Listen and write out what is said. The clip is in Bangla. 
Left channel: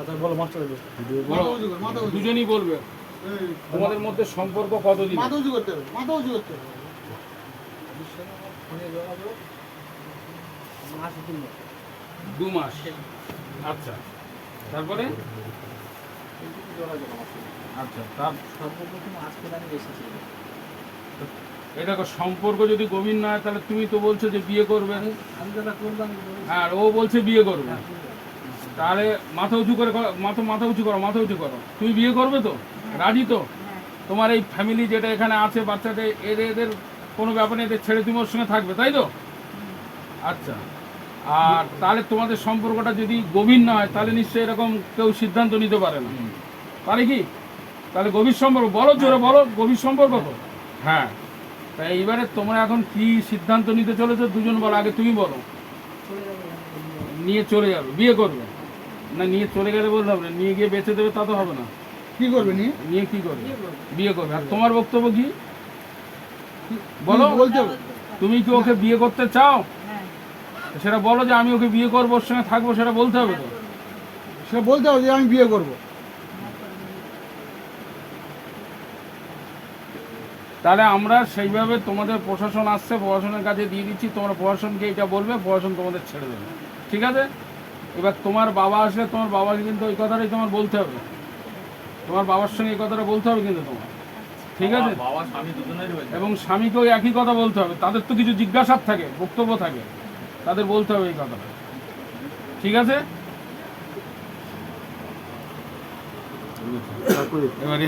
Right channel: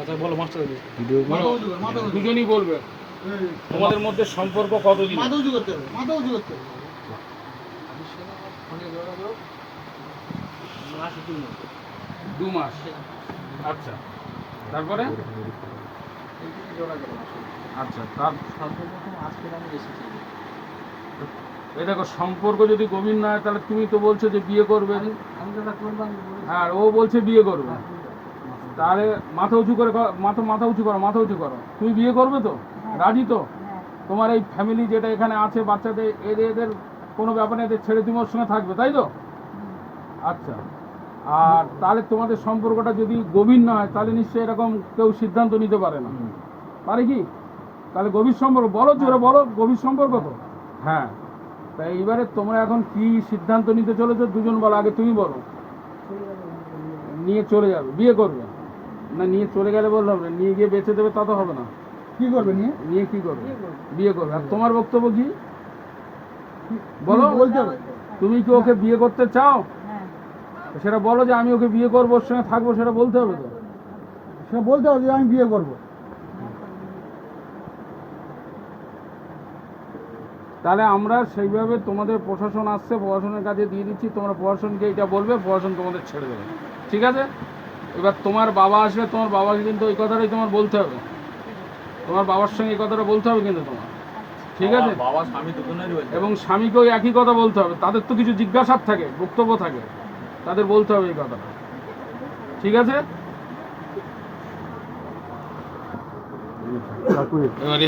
আচ্ছা বলো মাস্টার দুজনই বলবে তোমাদের মধ্যে সম্পর্ক কতদিন? মাথা উঁচু করতে হবে, মাথা উঁচু করতে হবে। ফোনে যোগাযোগ মাস 2 মাস। আচ্ছা, তারপরে যোগাযোগ আচ্ছা তার সর্বপ্রথম আজকে আমি এসেছি। এই দেখো, সম্পর্ক যদি গভীর না হয় তাহলে তুমি তো বলছো যে বিয়ে করবে, আমি যেটা করলাম আর ও বলছে বিয়ে করবে। তাহলে মাথা উঁচু করে মাথা উঁচু করো, মাথা উঁচু করো। তুমি বিয়ে করবে তো? রাজি তো? তোমার এই ফ্যামিলি যেটা এখানে আছে, বাচ্চাদের এদের কোনো ব্যাপারে এদের ছেড়ে তুমি ওর সঙ্গে থাকবে, তাই তো? আচ্ছা, আর তাহলে তোমাদের সম্পর্কটা যদি গভীর না হয় তাহলে নিশ্চয়ই এরকম কেউ সিদ্ধান্ত নিতে পারে না, পারে কি? তাহলে গভীর সম্পর্ক বলো, জোরে বলো, গভীর সম্পর্ক তো। হ্যাঁ, তাই এইবারে তোমরা এখন কি সিদ্ধান্ত নিতে চলেছো দুজন বলো, আগে তুমি বলো। নিয়ে চলে যাবে, বিয়ে করবে না? নিয়ে চলে গেলে বললাম না, নিয়ে গিয়ে বেঁচে দেবে তা তো হবে না। কি করবে নিয়ে? নিয়ে কি করবে? বিয়ে করবে। আর তোমার বক্তব্য কি বলো? বলতে হবে। তুমি কি ওকে বিয়ে করতে চাও? সেটা বলো যে আমি ওকে বিয়ে করবো, ওর সঙ্গে থাকবো, সেটা বলতে হবে তো। সে বলতে হবে যে আমি বিয়ে করব। তাহলে আমরা সেইভাবে, তোমাদের প্রশাসন আসছে, প্রশাসনের কাছে দিয়ে দিচ্ছি, তোমরা প্রশাসনকে এটা বলবে, প্রশাসন তোমাদের ছেড়ে দেবে, ঠিক আছে? এবার তোমার বাবা আসলে তোমার বাবাকে কিন্তু ওই কথাটাই তোমার বলতে হবে, তোমার বাবার সঙ্গে এই কথাটা বলতে হবে কিন্তু তোমার, ঠিক আছে? বাবা স্বামী দুজনেরই হয়েছে। এবং স্বামীকেও একই কথা বলতে হবে, তাদের তো কিছু জিজ্ঞাসার থাকে, বক্তব্য থাকে, তাদের বলতে হবে এই কথাটা, ঠিক আছে? এবার